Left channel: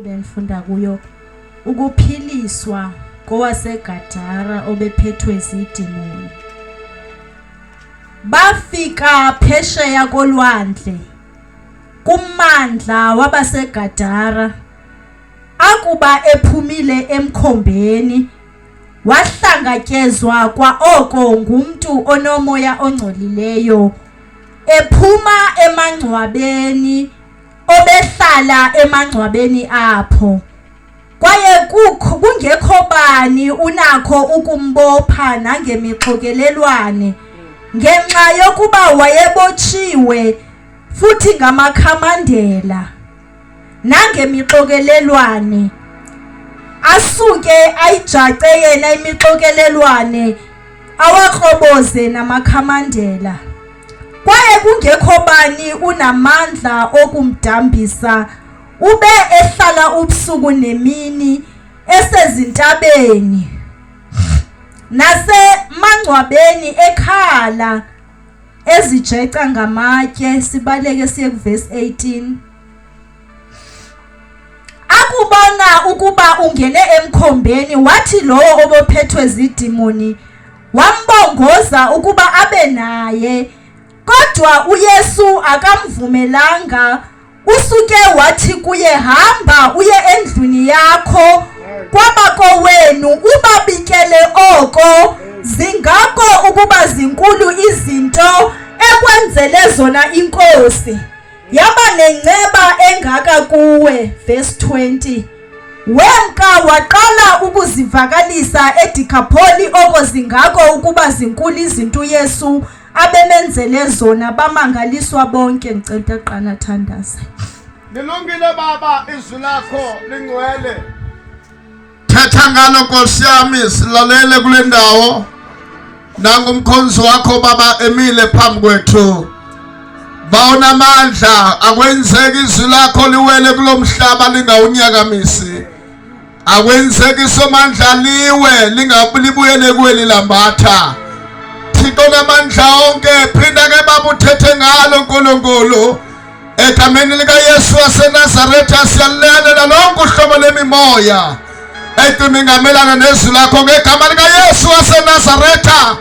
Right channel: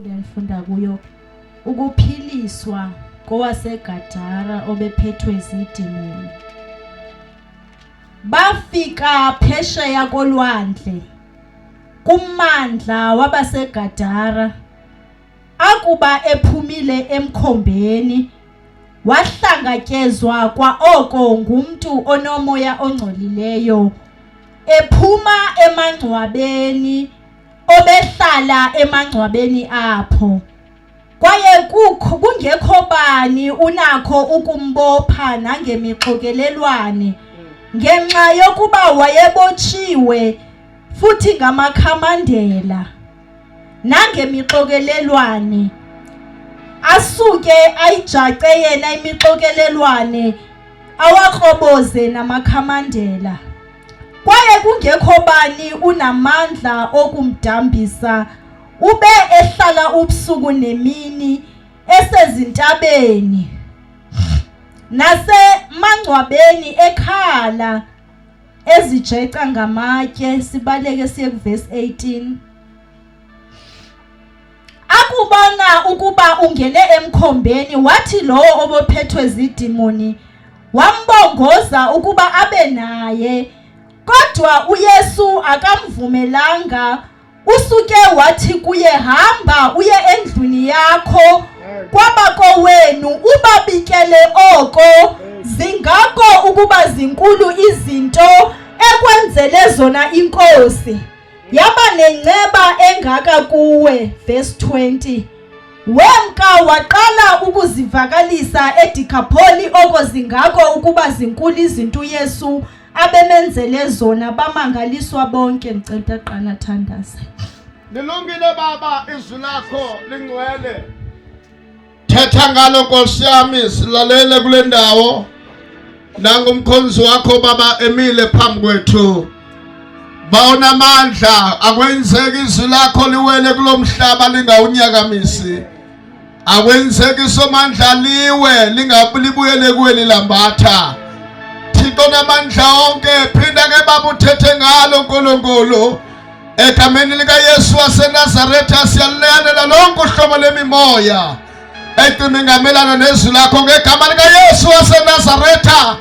Ngifunda kuyo ukuphiliswa kowaseGadara obephethwe izidimoni. Bafika phesheya kolwandle kummandla wabaseGadara. Akuba ephumile emkhombeni wahlangatyezwa kwaoko ngumuntu onomoya ongcolileyo ephuma emangcwabeni obehlala emangcwabeni apho. Kwaye kungekho bani unakho ukumbopha nangemixokelelwane ngenxa yokuba wayebotshiwe futhi ngamakhamandela nangemixokelelwane. Asuke ayijace yena imixokelelwane awakroboze namakhamandela. Kwaye kungekho bani unamandla okumdambisa ube ehlala ubusuku nemini esezintabeni nasemangcwabeni ekhala ezijeca ngamatye. Sibaleke siye kuverse 18. Akubona ukuba ungene emkhombeni wathi lowo obophethwe zidimoni wambongoza ukuba abe naye, kodwa uYesu akamvumelanga. Usuke wathi kuye, hamba uye endlwini yakho kwabakowenu ubabikele oko. Zingako ukuba zinkulu izinto ekwenzele zona inkosi, yaba nenceba engaka kuwe. Verse 20. Wemka waqala ukuzivakalisa eDikapholi oko zingako ukuba zinkulu izinto uYesu abemenzele zona. Bamangaliswa bonke. Ngicela uqala thandaza. Nilungile baba, izwi lakho lingcwele. Thetha ngalo Nkosi yami, silalele kule ndawo. Nangumkhonzi wakho baba emile phambi kwethu. Bawona amandla akwenzeki izwi lakho liwele kulomhlaba lingawunyakamisi. Akwenzeki somandla liwe lingabulibuyele kuwe lilambatha. Thixo namandla onke, phinda ke baba uthethe ngalo Nkulunkulu. Egameni likaYesu waseNazaretha siyalilalela lonke uhlobo lemimoya eyimingamelana nezwi lakho ngegama likaYesu waseNazaretha,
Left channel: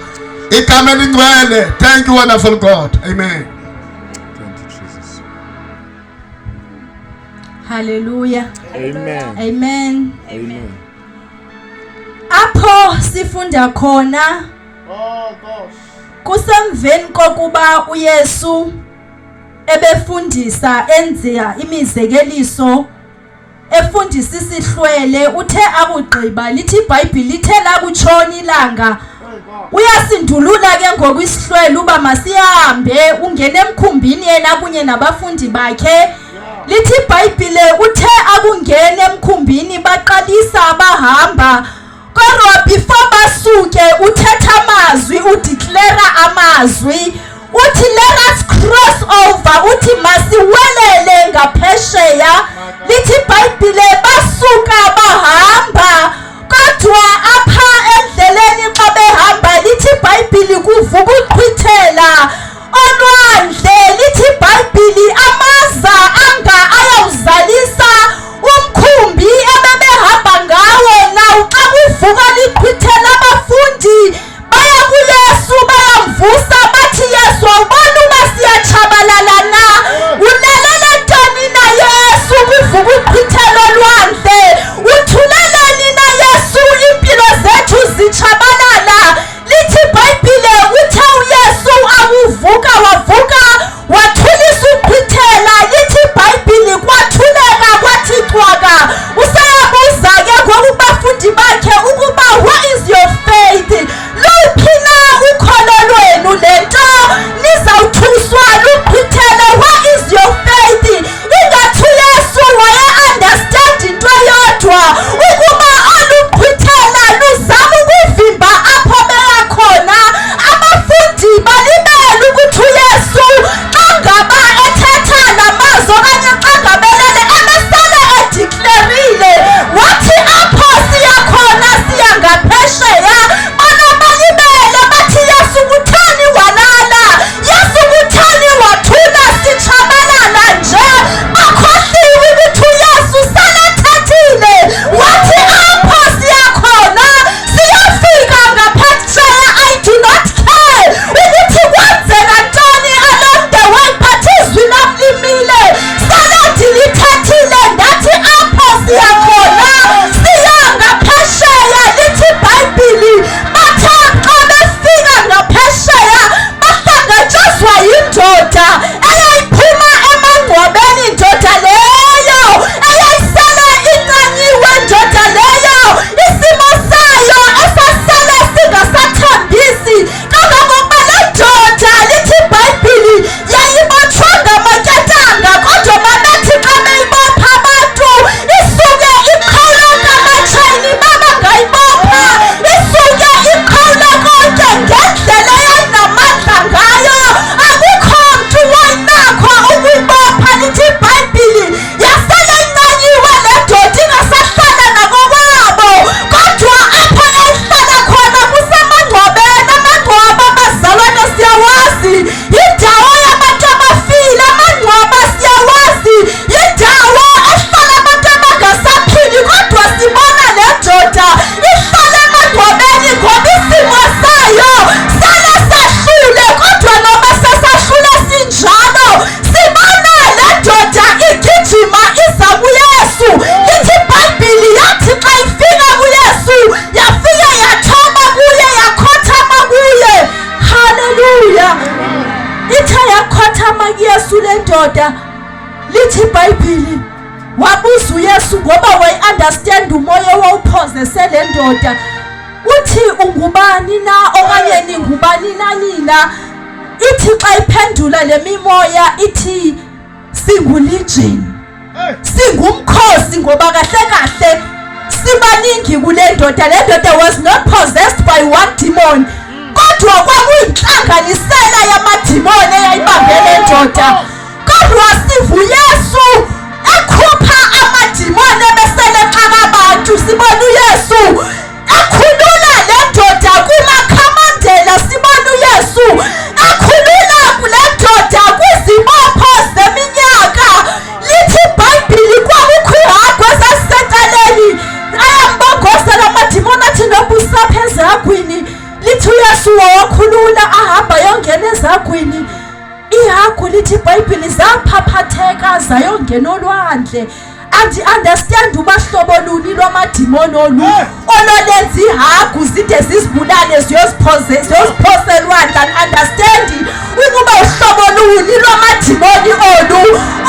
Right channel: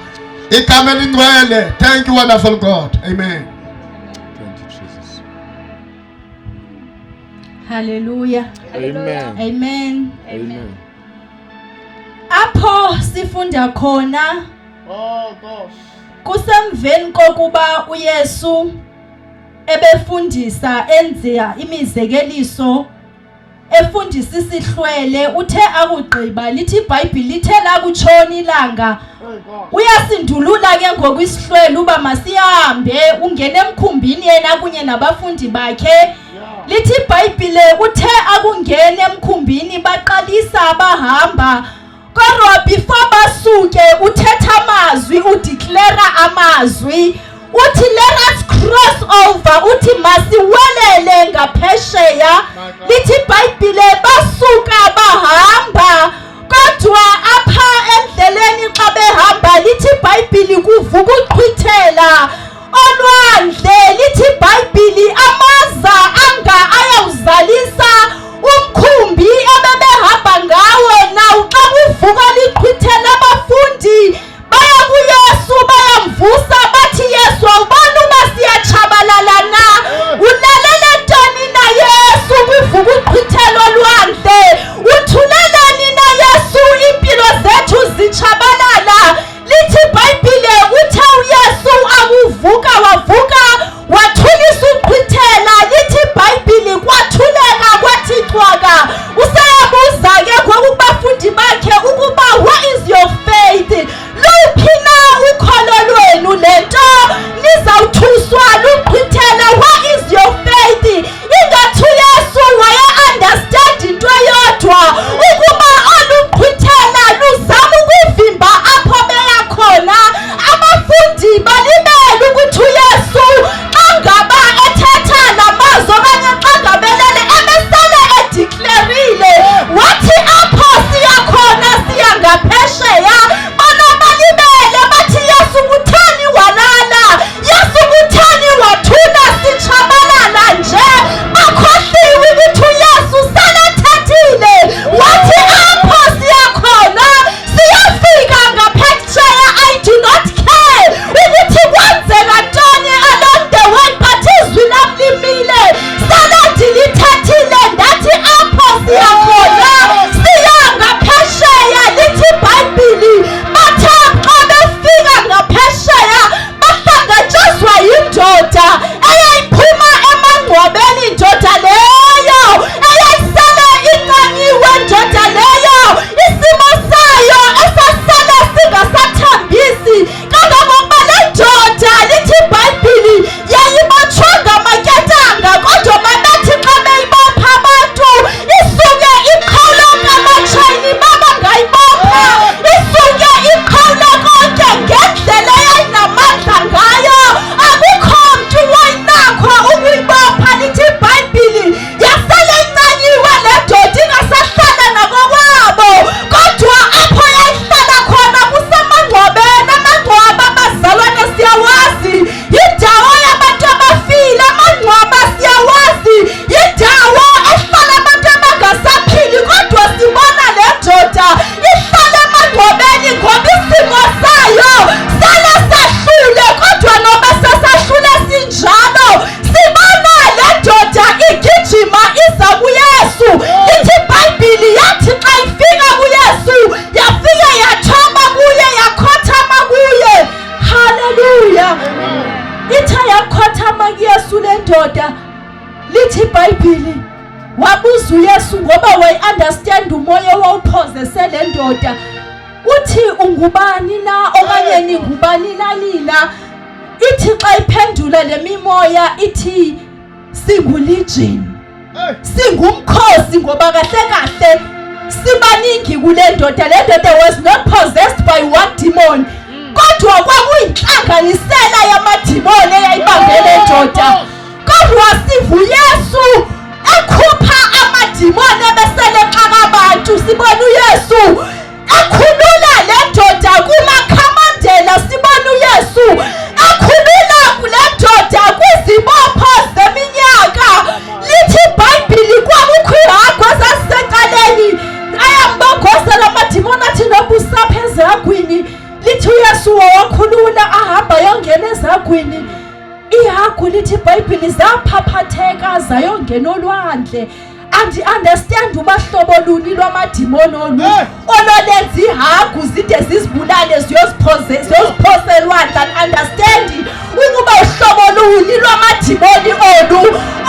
igama elingcwele. Thank you wonderful God. Amen. Thank you Jesus. Hallelujah. Amen. Amen. Amen. Apho sifunda khona Oh gosh. kusemveni kokuba uYesu ebefundisa enza imizekeliso efundisa isihlwele, uthe akugqiba lithi iBhayibheli lithe lakutshona ilanga uyasindulula ke ngokuyisihlwele uba masihambe ungene emkhumbini yena kunye nabafundi bakhe. Lithi iBhayibheli uthe akungena emkhumbini baqalisa bahamba, kodwa before basuke uthetha amazwi, udeclare amazwi, uthi let us cross over, uthi masiwelele ngaphesheya. Lithi iBhayibheli basuka bahamba, kodwa apha endleleni xa behamba lithi iBhayibheli kuvuka uqhwithela olwandle. Lithi iBhayibheli amaza anga ayawuzalisa umkhumbi abebehamba ngawo. Nawo xa kuvuka liqhwithela abafundi baya kuYesu bayamvusa bathi, Yesu awubona uba siyatshabalala na? Ulalele ntoni na Yesu kuvuka uqhwithela olwandle? Uthuleleni na Yesu impilo zethu zitshabalala? Lithi iBhayibheli uthe uYesu awuvusa uYesu ngoba wayi-understand umoya wawuphozese le ndoda uthi ungubani na okanye ningubani na nina. Ithi xa iphendula le mimoya ithi singulegion, singumkhosi ngoba kahle kahle sibaningi kule ndoda. Le ndoda was not possessed by one demon kodwa kwakuyinhlanganisela yamadimoni eyayibambe le ndoda. Kodwa sivu Yesu ekhupha amadimoni ebesele xaka abantu. Sibona uYesu ekhulula le ndoda kumakhamandela. Sibona uYesu ekhulula kule ndoda kwizibopho zeminyaka. Lithi iBhayibheli kwakukho ihagu ezazisentaleni ayambongozela amadimoni athi noba usapha ezagwini. Lithi uYesu wawakhulula ahamba yongena ezagwini. Ihagu lithi iBhayibheli zaphaphatheka zayongena olwandle. Andi-understand ubahlobo luni lwamadimoni olu ololenza ihagu zide zizibulale ziyoziphose elwandle. Andi-understand ukuba uhlobo luni lwamadimoni olu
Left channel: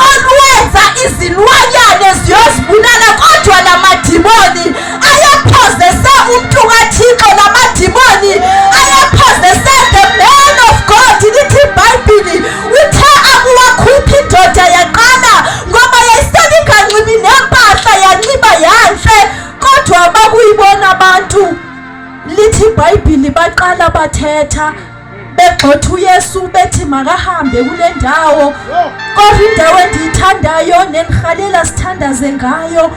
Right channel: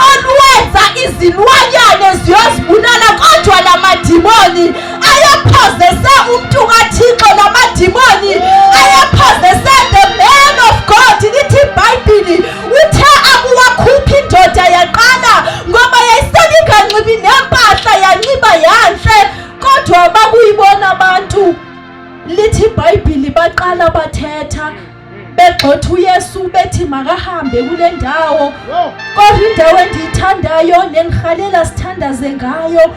olwenza izilwanyane ziyozibulala. Kodwa la madimoni ayaphozese umntu kaThixo. La madimoni ayaphozese the man of God. Lithi iBhayibheli uthe akuwakhuphi indoda yaqala ngoba yayiseningancibi nempahla yanxiba yanhle. Kodwa bakuyibona abantu. Lithi iBhayibheli baqala bathetha begxotha uYesu bethi makahambe kule ndawo. Kodwa indawo endiyithandayo nengihalela sithandaze ngayo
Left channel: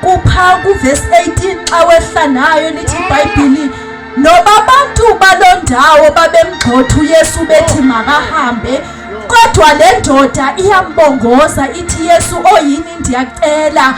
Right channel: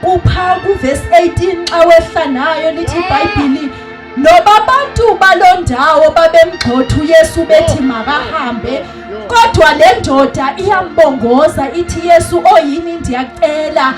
kupha kuverse 18 xa wehla nayo. Lithi iBhayibheli noba abantu baloo ndawo babemgxotha uYesu bethi makahambe kodwa le ndoda iyambongoza ithi Yesu oyini ndiyacela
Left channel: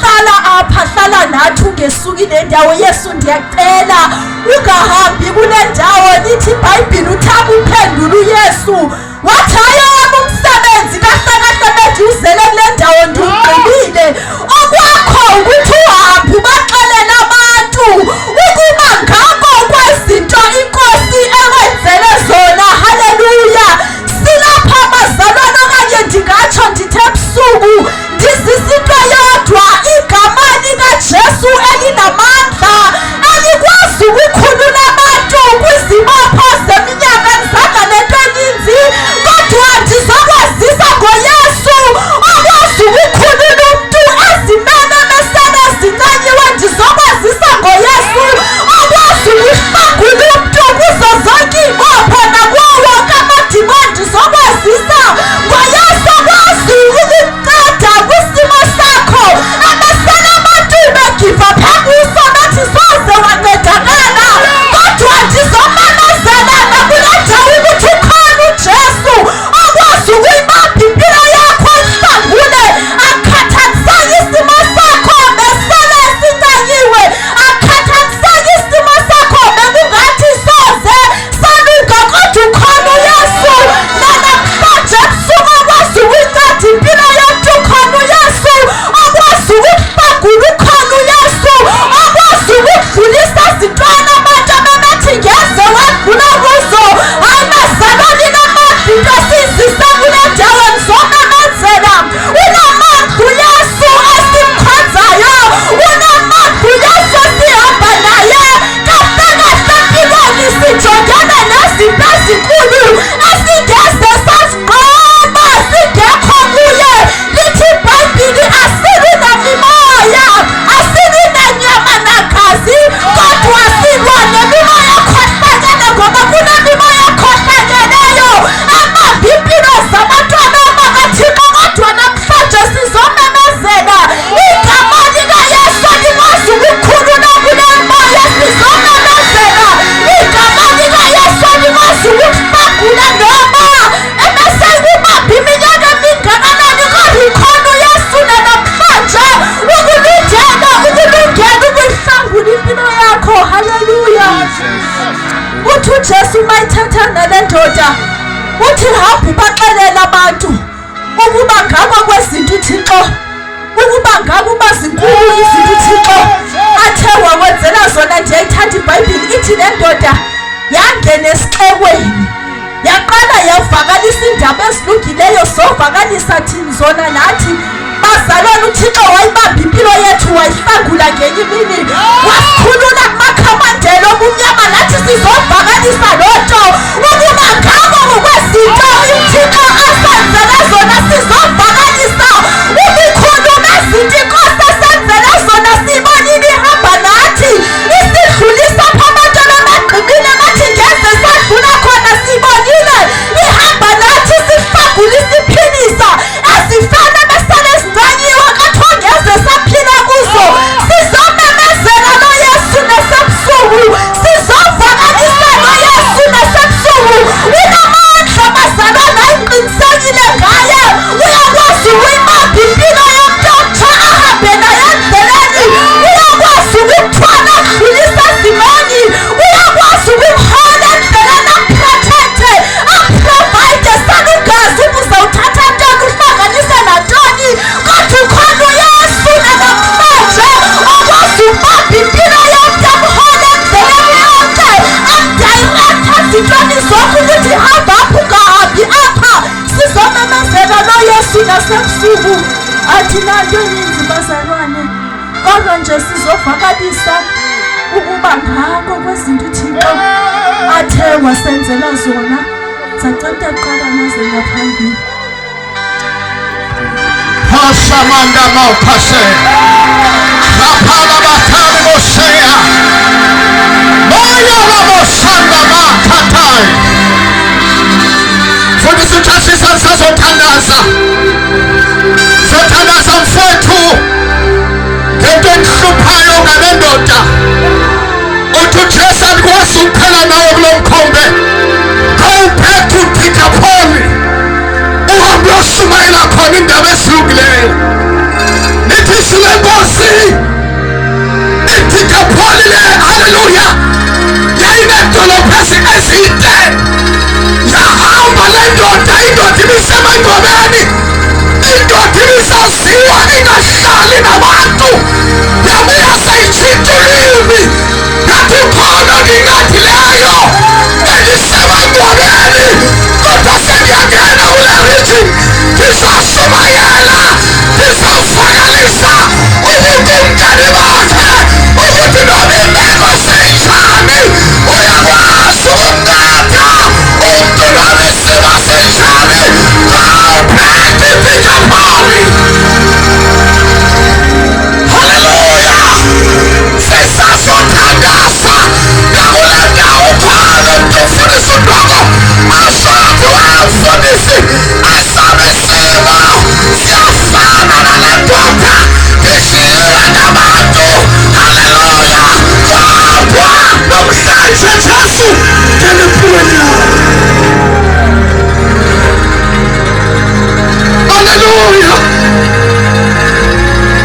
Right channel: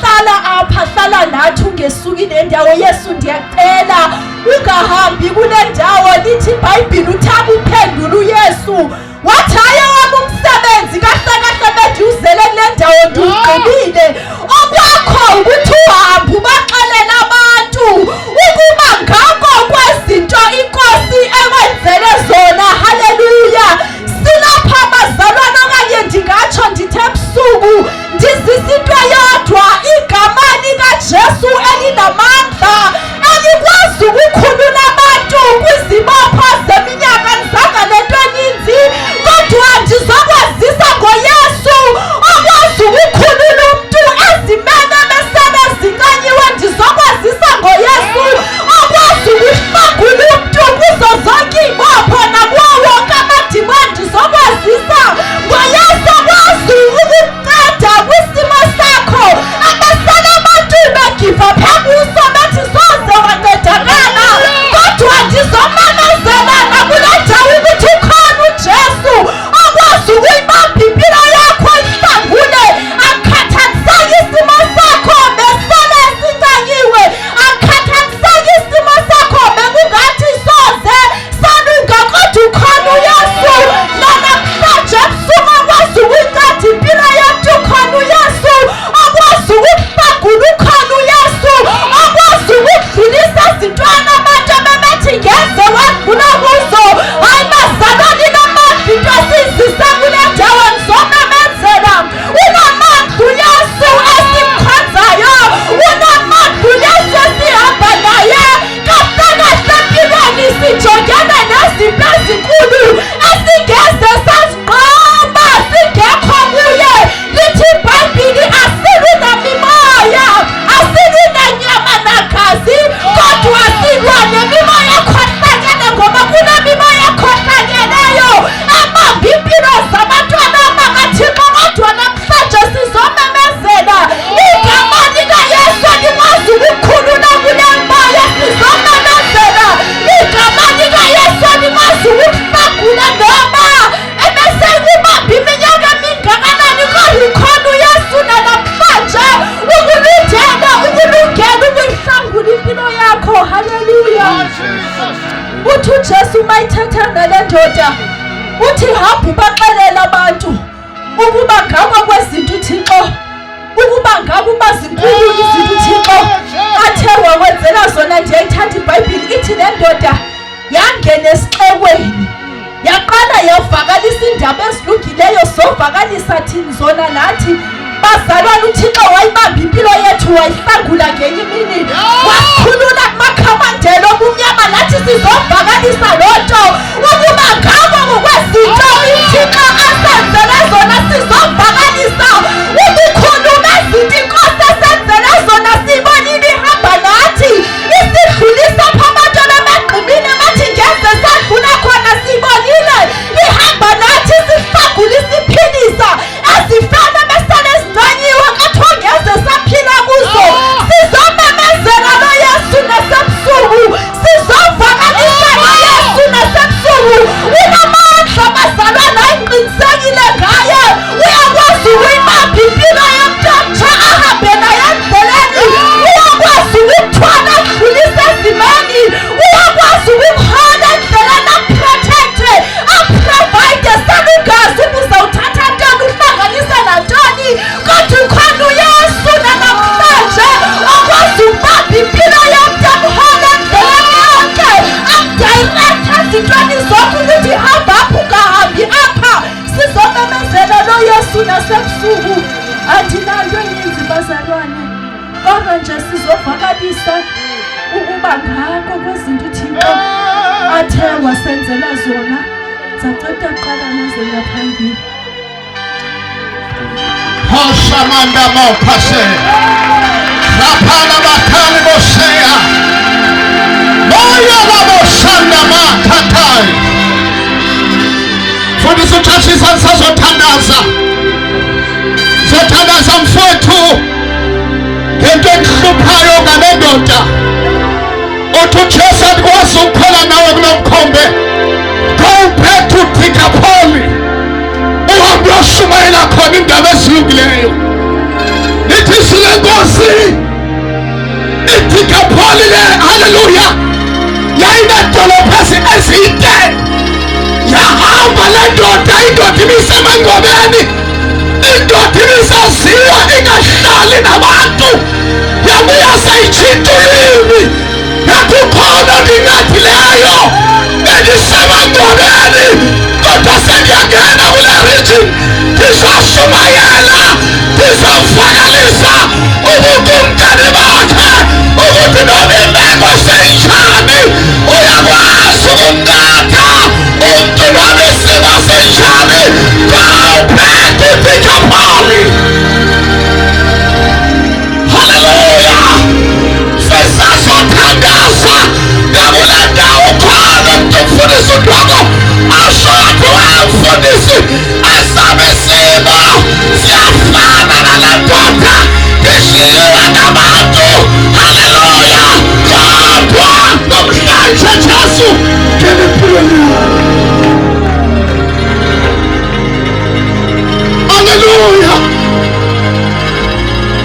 hlala apha, hlala nathi ungesuki le ndawo. Yesu ndiyacela ungahambi kule ndawo. Lithi iBhayibheli uthaba uphendula uYesu wathi ayowami umsebenzi kahle kahle beduzele kule ndawo ndiwugqibile. Okwakho ukuthi uhambe ubaxelele abantu ukuba ngako kwezinto iNkosi ewenzele zona. Haleluya. Silapha bazalwane okanye ndingatsho ndithe ebusuku ndizisa into yodwa, igama likaJesu elinamandla elikwazi ukukhulula abantu kwizibopho zeminyaka. Ndizanga nento eninzi kodwa ndizokwazisa ngoYesu okwazi ukukhulula umntu ezimene besele zincanyiwe. Ndizokwazisa ngoYesu okwazi ukuhlangula umntu kuzo zonke iibopho nakuwo wonke amadimoni. Ndizokwazisa ngoYesu okwazi ukunceda kwisimo sakho abesele abantu begiva phebuso bethi soze wancedakala. Kodwa ndizomemezela nakule ndawo ukuthi khona uJesu okwazi ukuyibamba impilo yakho ihlangule. Akhathaniseki isimo sakho besele sincanyiwe. Akhathaniseki isimo sakho bekungathi soze salunga. Kodwa ukhona uYesu nanamhlanje ebusuku okwazi ukuyinceda impilo yethu. Ukhona uYesu okwazi ukuhlangula. Ukhona uYesu okwazi ukudlulisa ezintweni abantu ababethi ngeze wadlula kuzo. Hayi bazalwane namandla into esiyizisa kule ndawo ndizomemezela. Unamandla uYesu esimkhonzayo. Unamandla uYesu esihamba naye. Kahle kahle empilweni sijongene nezinto ezinkulu esingeze saziqamba singekho kuye. Lithi iBhayibheli asibi nemimoya, asibi nenyama nagazi kodwa silwa nemimoya ekhohlakele ngoba kunemimoya ekhohlakeleyo ebamba impilo zabantwana bakaThixo. Kodwa namhlanje sizomemezela igama likaYesu likwazi ukukhulula kule moya. Sizomemezela igama likaYesu likwazi ukuhlangula noma ebesekubamba iminyaka emingakanani. Kodwa ikhona uYesu namhlanje ukulungela ukuyihlangula impilo yakho. Haleluya. Uthi uJesu mayithetha nale ndoda uthi hamba ubaxelele abantu ukuba ngako kwezinto uThixo, ukuba ngako uba zinkulu izinto uThixo athe wakwenzela zona. Ndiyayithanda iBhayibheli ithi le ndoda yangena esixekweni yaqala yavakalisa indaba ezilungileyo zovakalisa thini zona nathi bazalwane. uThixo wayibamba impilo Athinayo ninzi bazalwane, kodwa nje sizovakalisa ukuba ngako kwezinto uThixo athe wasenzela zona. Zacatha qala naze ngaphambili. Hasamanda maupase. Rapala batali bosea. Moya wabosanda makatai. Fundisa uchashi sasa zotandaza. Zotandaza mfwetu. Ngento enhluphayo ngalendoda. Uthi uJesu akwazi ukuphela nawe kulomkhombe. Go back to Peter Paul. Uhambe uyoshumayela khona indaba ezilungileyo. Nithi silenkosi. iPeter Paul le, haleluya. Yayinedolophu ezinde. Yahamba le ndoda, indoda ibisemangcwabeni. Indoda ibisaziwa ingahlali nabantu. Yabuya sayitshintsha ulimi. Yathi khona ngingathi leyo bengisemangcwabeni, kodwa sengiyangena kule region. Ngizashumayela, ngizawuvakalisa ukuthi umngane bakhe ukuthi noma imeko senjani uyakwazi ukumnatha umculo wesimo senjani. Ngawuphethe iPeter Paul. Haleluya. Sisazothandaza nakule ndawo khona ukufundisa uNdoko ashothi wamfundisi asabe simo siyafana nale ndoda ngishiywe nabantu. Haleluya. Kodwa namhlanje Jesu ngeliphile. Haleluya.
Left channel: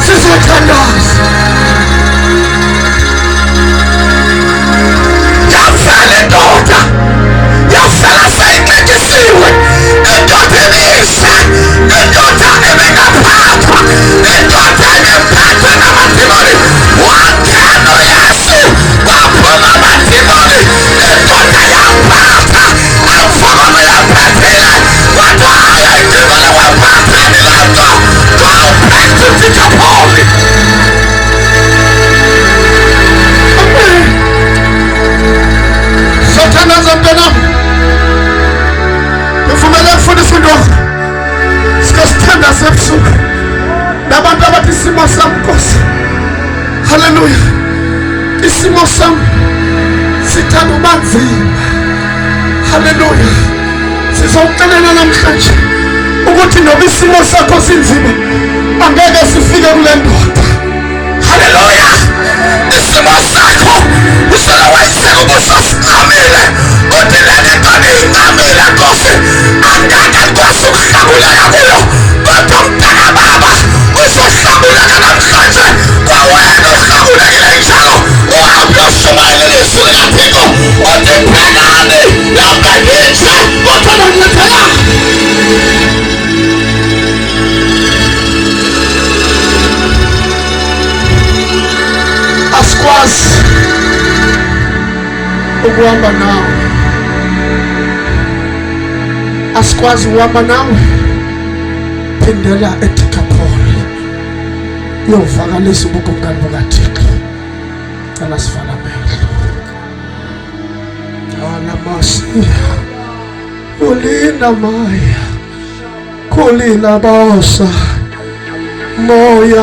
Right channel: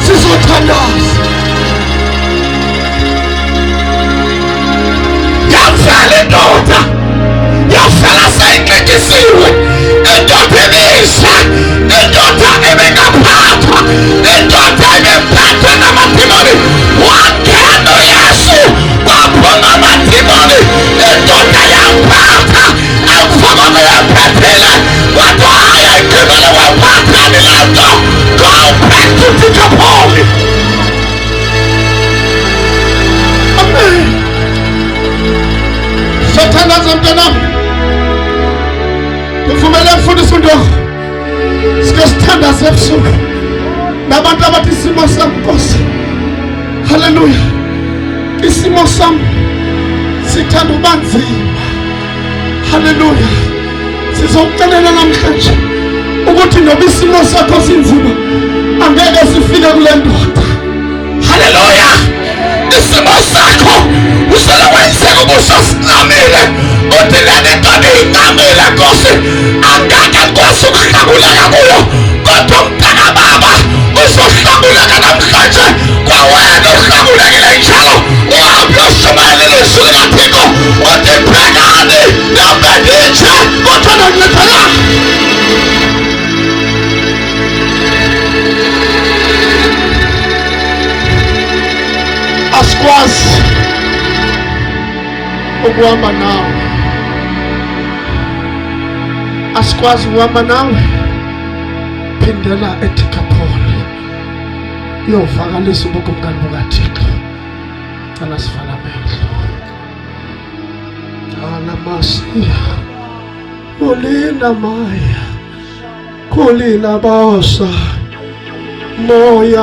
Sizothandaza. Yafela indoda, yafela seyicikisiwe. Indoda ebisha, indoda ebengaphathwa, indoda ebemphethe namadimoni. Wangena uYesu waphuma amadimoni. Indoda yamphatha, amfakona yamphephile. Wathi haya idimoni waphathani le nto. Go back to Peter Paul. Amen. Satanaza mntanam. Ngivumela mfundisi uNdoko. Sikosithandaza ebusuku. Nabantu abathi isimo sami Nkosi. Haleluya. Isimo sami sithanda uba nzima. Haleluya. Sizokucelela namhlanje ukuthi noma isimo sakho sinzima angeke sifike kule ndoda. Haleluya. Isimo sakho usele wayiseka ubuso sincamile. Uthi leke ntoda incamile Nkosi, angeke Nkosi ukuhlabuleka kuyo, kodwa mntana baba uzohlabuleka namhlanje. Kwawena uhlabulekile njalo uhambe uyoshumayela ilizwi likaThixo. Uthi phekani nami nginje kodwa nonyephela. Asikwazi ukuhamba nawe, asikwazi ukuhamba nawe. Phindela ePeter Paul uyovakalisa ubungane bukaThixo. Cela sivala amehlo. Alamasi kulina maya kulina bosa moya.